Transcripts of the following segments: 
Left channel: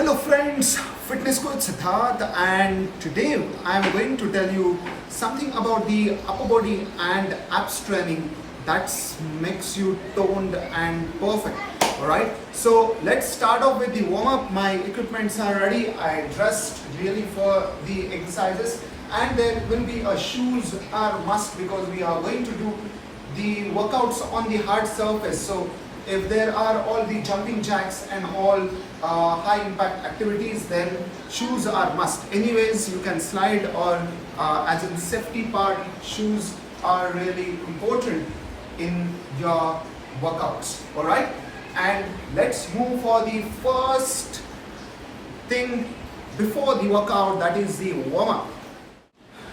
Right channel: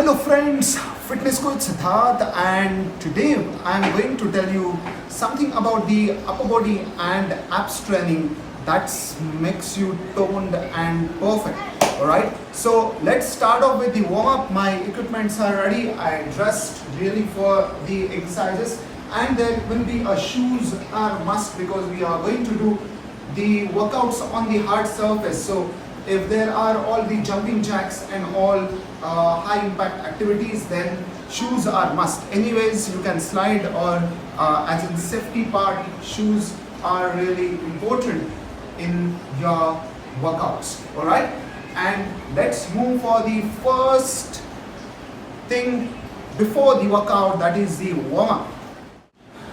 Hello friends, Fitness Coach Siddharth, and today I am going to tell you something about the upper body and abs training that makes you toned and perfect. Alright, so let's start off with the warm up. My equipments are ready. I dressed really for the exercises, and there will be a shoes are must because we are going to do the workouts on the hard surface. So if there are all the jumping jacks and all high impact activities, then shoes are must. Anyways, you can slide, or as in safety part, shoes are really important in your workouts. All right, and let's move for the first thing before the workout, that is the warm up.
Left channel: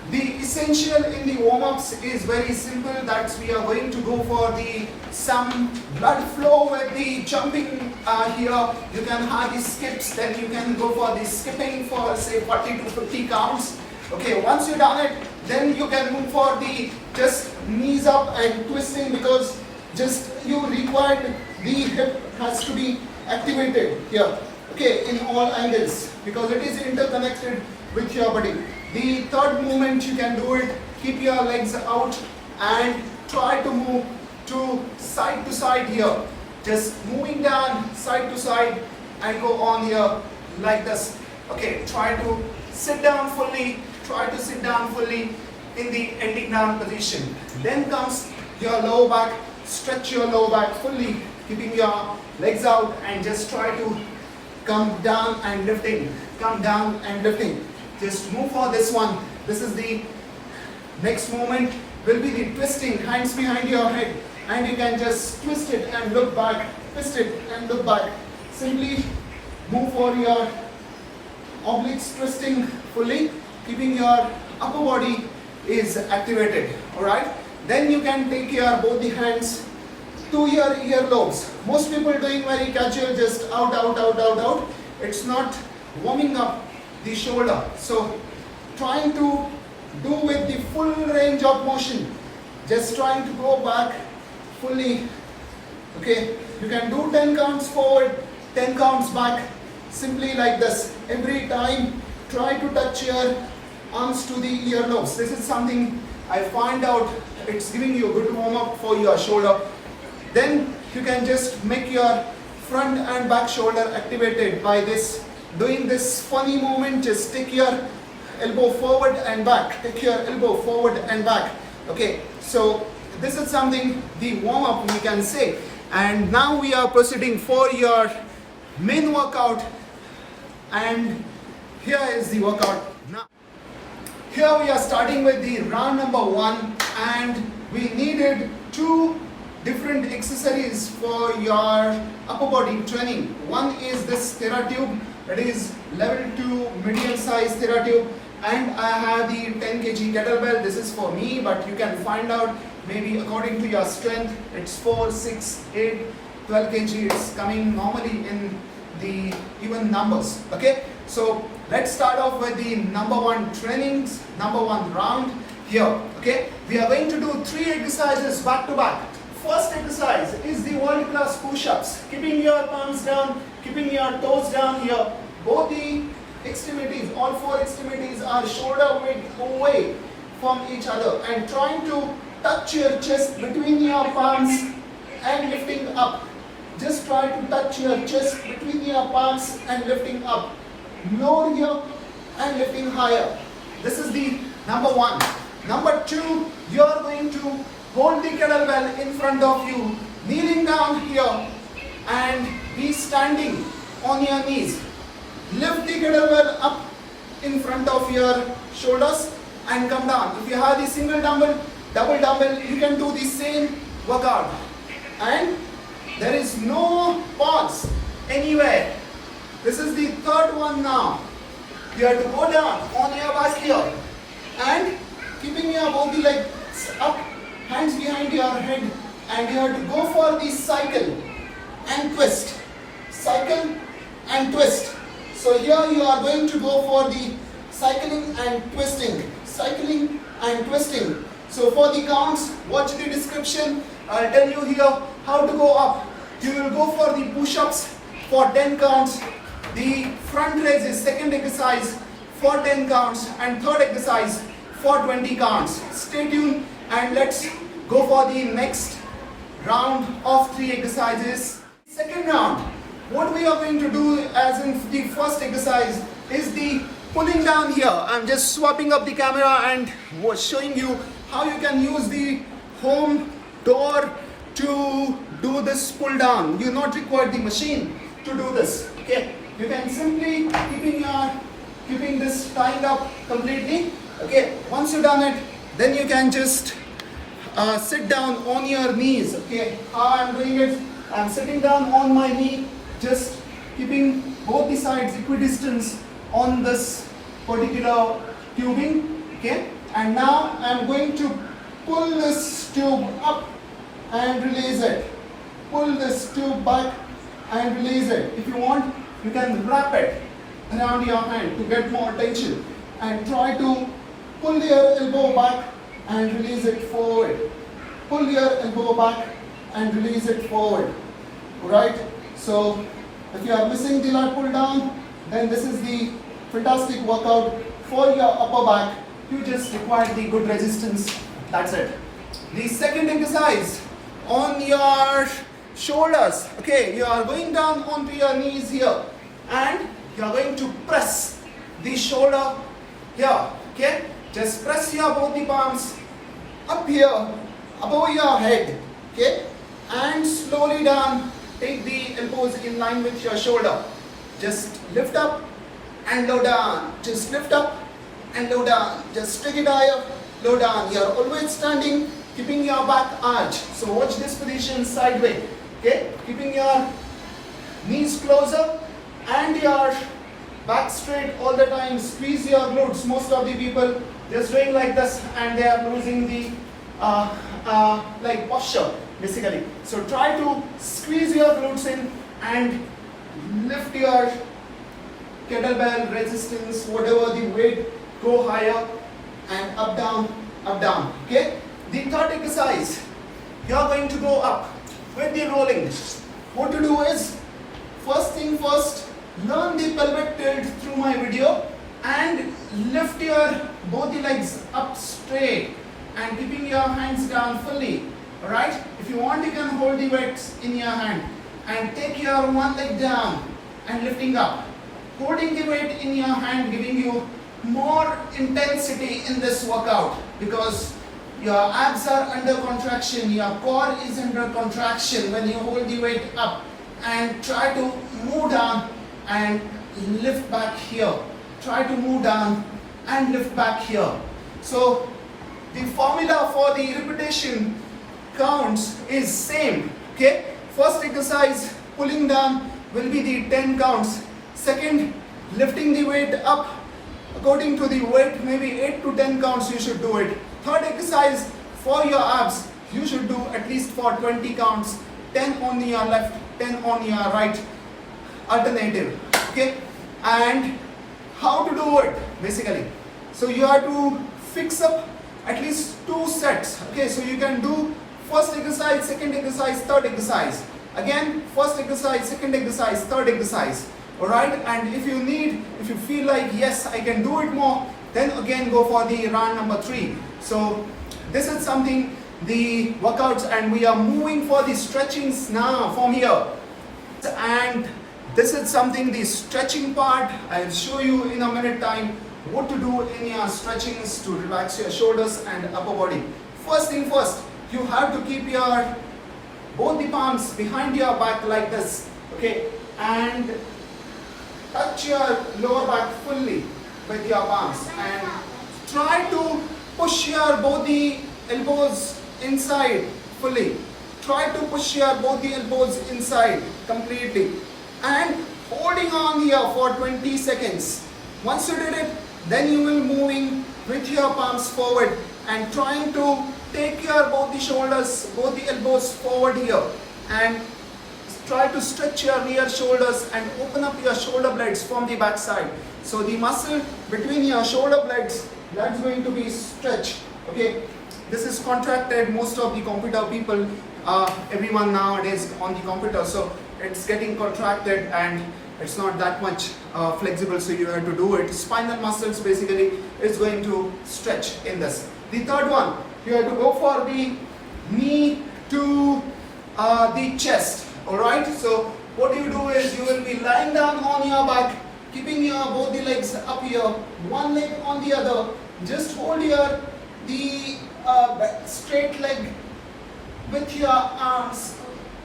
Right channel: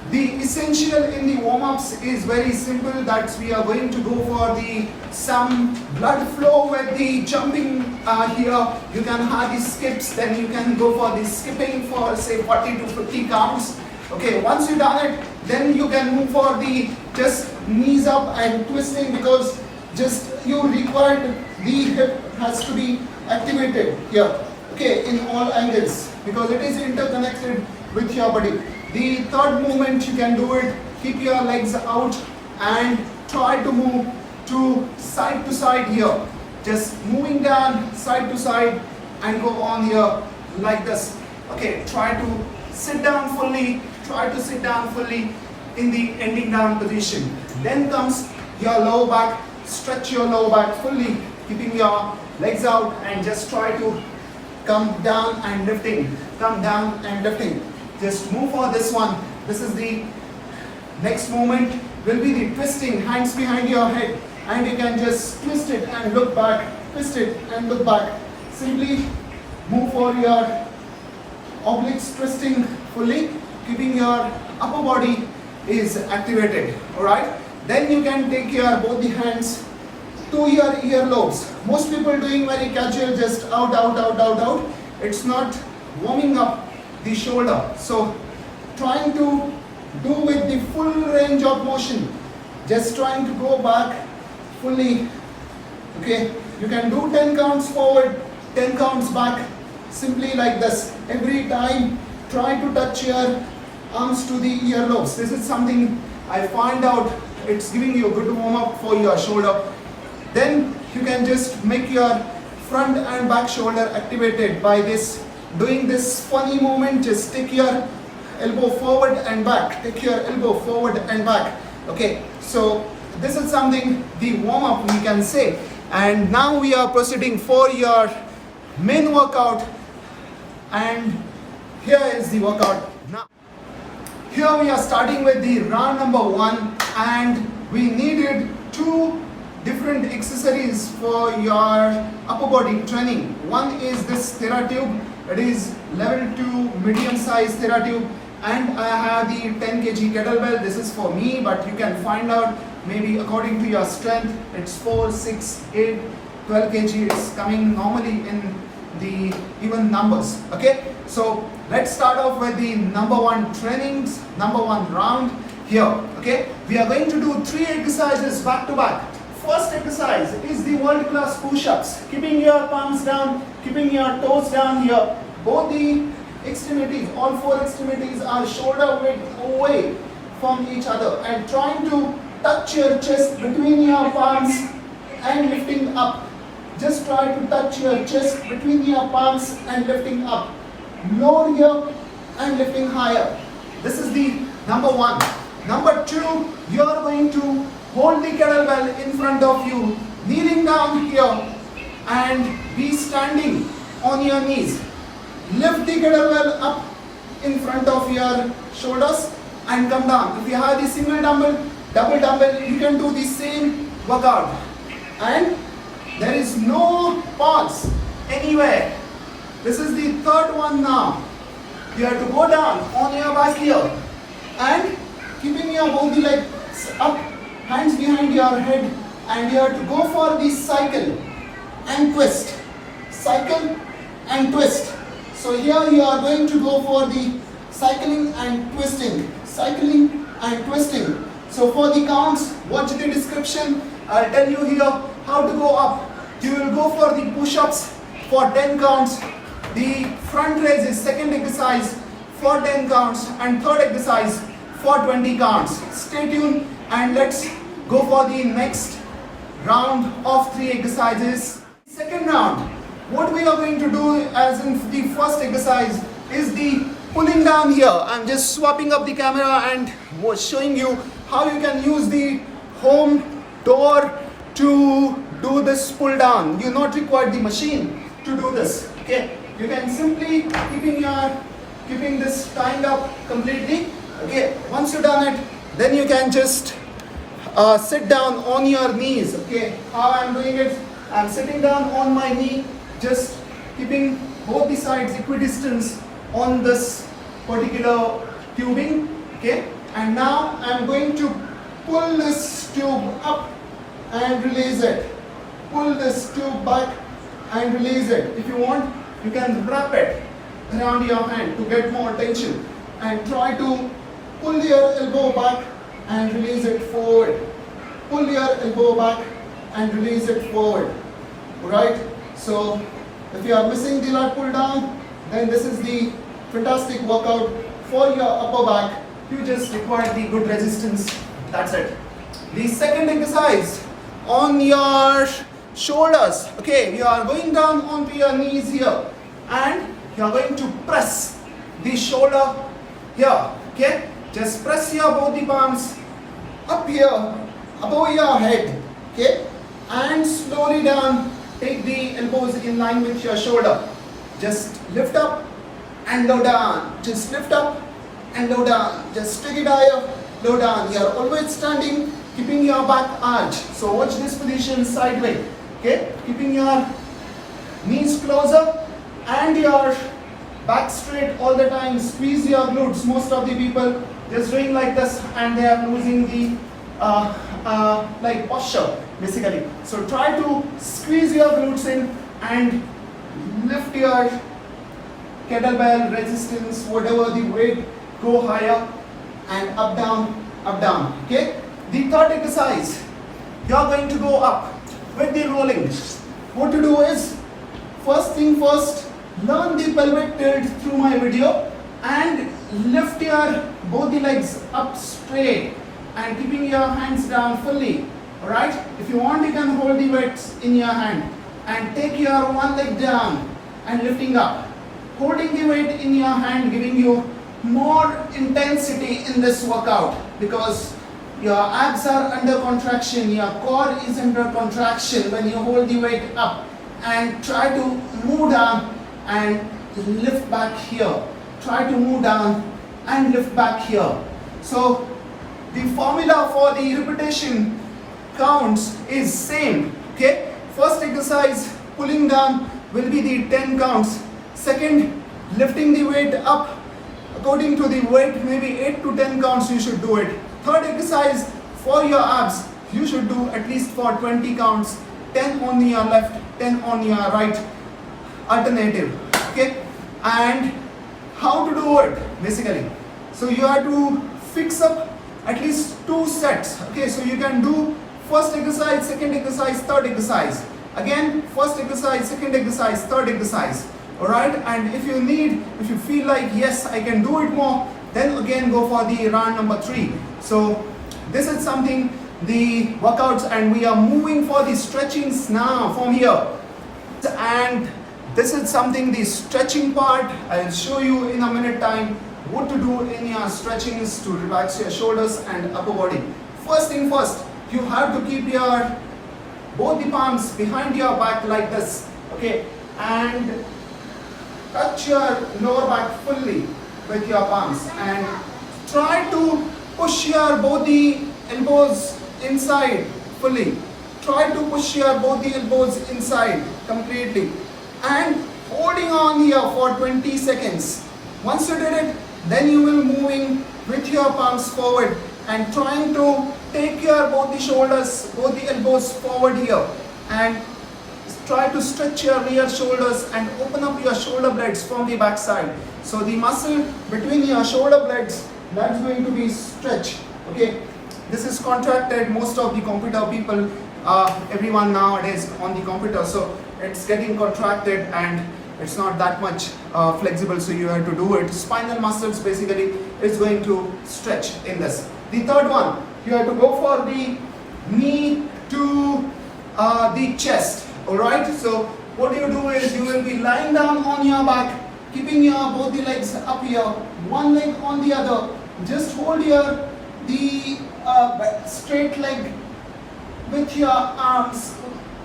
The essential in the warm-ups is very simple, that we are going to go for the some blood flow with the jumping here. You can have the skips, then you can go for the skipping for say 40 to 50 counts. Okay, once you've done it, then you can move for the just knees up and twisting, because just you require the hip has to be activated here. Okay, in all angles, because it is interconnected with your body. The third movement, you can do it, keep your legs out and try to move to side here, just moving down side to side and go on here like this. Okay, try to sit down fully, in the ending down position. Then comes your lower back, stretch your lower back fully, keeping your legs out, and just try to come down and lifting, Just move for this one. This is the next movement, will be the twisting, hands behind your head, and you can just twist it and look back, twist it and look back. Simply move for your obliques, twisting fully, keeping your upper body is activated. Alright, then you can take your both the hands to your earlobes. Most people doing very casual, just out. It's not warming up the shoulder. So trying to do with the full range of motion, just trying to go back fully. Okay, you can do 10 counts forward, 10 counts back, simply like this. Every time try to touch your arms to the earlobes. This is something I find out, it's giving you a good warm up for your shoulder. Then you can just make your front and back shoulder activated by this, doing this funny movement. Just take your elbow forward and back, Okay, so this is something, the warm up we can say. And now we are proceeding for your main workout, and here is the workout. Now here we are starting with the round number 1, and we needed 2 different accessories for your upper body training. One is this TheraTube. It is level 2 medium size TheraTube, and I have the 10 kg kettlebell. This is for me, but you can find out maybe according to your strength. It's 4, 6, 8, 12 kg. It's coming normally in the even numbers. Okay, so let's start off with the number 1 trainings, number 1 round here. Okay, we are going to do 3 exercises back to back. First exercise is the world class push-ups, keeping your palms down, keeping your toes down here. Both the extremities, all 4 extremities are shoulder width away from each other, and trying to touch your chest between your palms and lifting up. Just try to touch your chest between your palms and lifting up. Lower here and lifting higher. This is the number 1. Number 2, you are going to hold the kettlebell in front of you, kneeling down here, and be standing on your knees. Lift the kettlebell up in front of your shoulders and come down. If you have the single dumbbell, double dumbbell, you can do the same workout. And there is no pause anywhere. This is the third one now. You have to go down on your back here and keeping your both legs up, hands behind your head, and you have to go for the cycle and twist. Cycle and twist. So here you are going to go for the cycling and twisting. So for the counts, watch the description. I'll tell you here how to go up. You will go for the push-ups for 10 counts, The front raise is second exercise for 10 counts and third exercise for 20 counts. Stay tuned and let's go for the next round of 3 exercises. Second round, what we are going to do as in the first exercise is the pulling down here. I'm just swapping up the camera and showing you how you can use the home door to do this pull down. You not require the machine to do this. Okay, you can simply keeping this tied up completely. Okay, once you've done it, then you can just sit down on your knees. Okay, how I'm doing it, I'm sitting down on my knee, just keeping both the sides equidistant on this particular tubing. Okay, and now I'm going to pull this tube up and release it. Pull this tube back and release it. If you want, you can wrap it around your hand to get more tension and try to pull your elbow back and release it forward. Pull your elbow back and release it forward. Right? So if you are missing the lat pull down, then this is the fantastic workout for your upper back. You just require the good resistance. That's it. The second exercise on your shoulders. Okay, you are going down onto your knees here and you are going to press the shoulder here. Okay, just press here both the palms up here above your head. Okay, and slowly down. Take the elbows in line with your shoulder. Just lift up and low down. Just lift up and low down. Just take it higher, low down. You are always standing, keeping your back arch. So watch this position sideways. Okay, keeping your knees closer and your back straight all the time. Squeeze your glutes. Most of the people just doing like this and they are losing the like posture basically. So try to squeeze your glutes in and lift your kettlebell resistance, whatever the weight, go higher and up down. Okay, the third exercise, you are going to go up with the rolling. What to do is, first thing first, learn the pelvic tilt through my video and lift your both the legs up straight and keeping your hands down fully. Alright, if you want, you can hold the weights in your hand and take your one leg down and lifting up. Holding the weight in your hand giving you more intensity in this workout because your abs are under contraction, your core is under contraction when you hold the weight up, and try to move down and lift back here. Try to move down and lift back here. So the formula for the repetition counts is same. Okay, first exercise pulling down will be the 10 counts. Second, lifting the weight up according to the weight, maybe 8 to 10 counts you should do it. Third exercise for your abs, you should do at least for 20 counts, 10 on your left, 10 on your right, alternative. Okay, and how to do it basically. So you have to fix up at least 2 sets. Okay, so you can do first exercise, second exercise, third exercise. Again, first exercise, second exercise, third exercise. Alright, and if you feel like yes, I can do it more, then again go for the round number 3. So this is something, the workouts, and we are moving for the stretchings now from here. And this is something, the stretching part, I'll show you in a minute time what to do in your stretchings to relax your shoulders and upper body. First thing first, you have to keep your both the palms behind your back like this, okay, and touch your lower back fully with your palms and try to push your both the elbows inside fully. Try to push your both the elbows inside completely and holding on here for 20 seconds. Once you did it, then you will moving with your palms forward and trying to take your both the shoulders, both the elbows forward here and try to stretch your rear shoulders and open up your shoulder blades from the back side. So the muscle between your shoulder blades, that's going to be stretched. Okay, this is contracted. Most of the computer people, everyone nowadays on the computer. So it's getting contracted and it's not that much flexible, so you have to do it. Spinal muscles basically is going to stretch in this. The third one, you have to go for the knee to the chest. Alright, so what you do is you will be lying down on your back, keeping your both the legs up here, one leg on the other. Just hold the straight leg with your arms.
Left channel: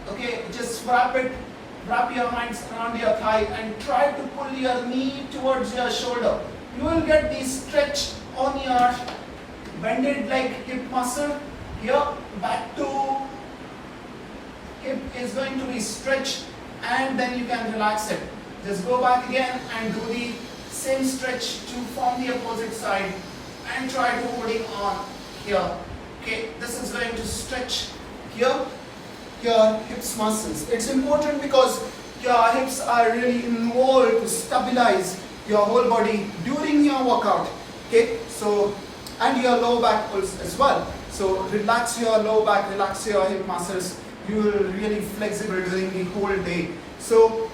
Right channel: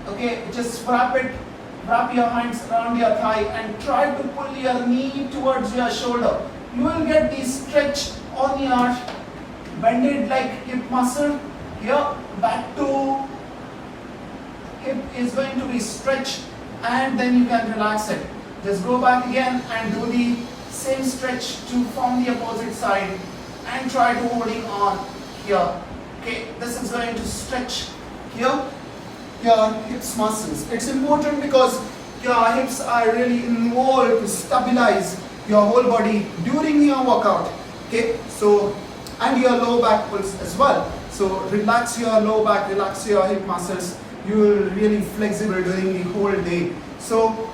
Okay, just wrap your hands around your thigh and try to pull your knee towards your shoulder. You will get the stretch on your bended leg hip muscle here. Back to hip is going to be stretched, and then you can relax it. Just go back again and do the same stretch to form the opposite side and try to hold it on here. Okay, this is going to stretch here your hips muscles. It's important because your hips are really involved to stabilize your whole body during your workout. Okay, so and your lower back pulls as well. So relax your lower back, relax your hip muscles. You will really flexible during the whole day. So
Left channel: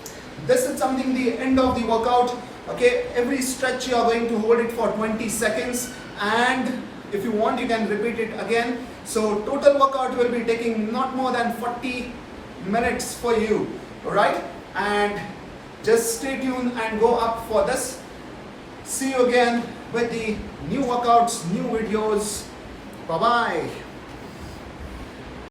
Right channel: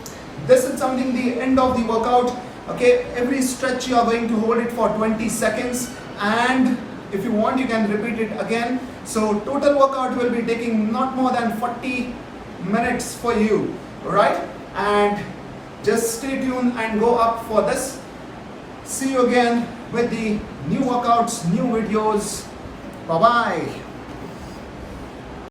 this is something the end of the workout. Okay, every stretch you are going to hold it for 20 seconds, and if you want you can repeat it again. So total workout will be taking not more than 40 minutes for you. Alright, and just stay tuned and go up for this. See you again with the new workouts, new videos. Bye bye.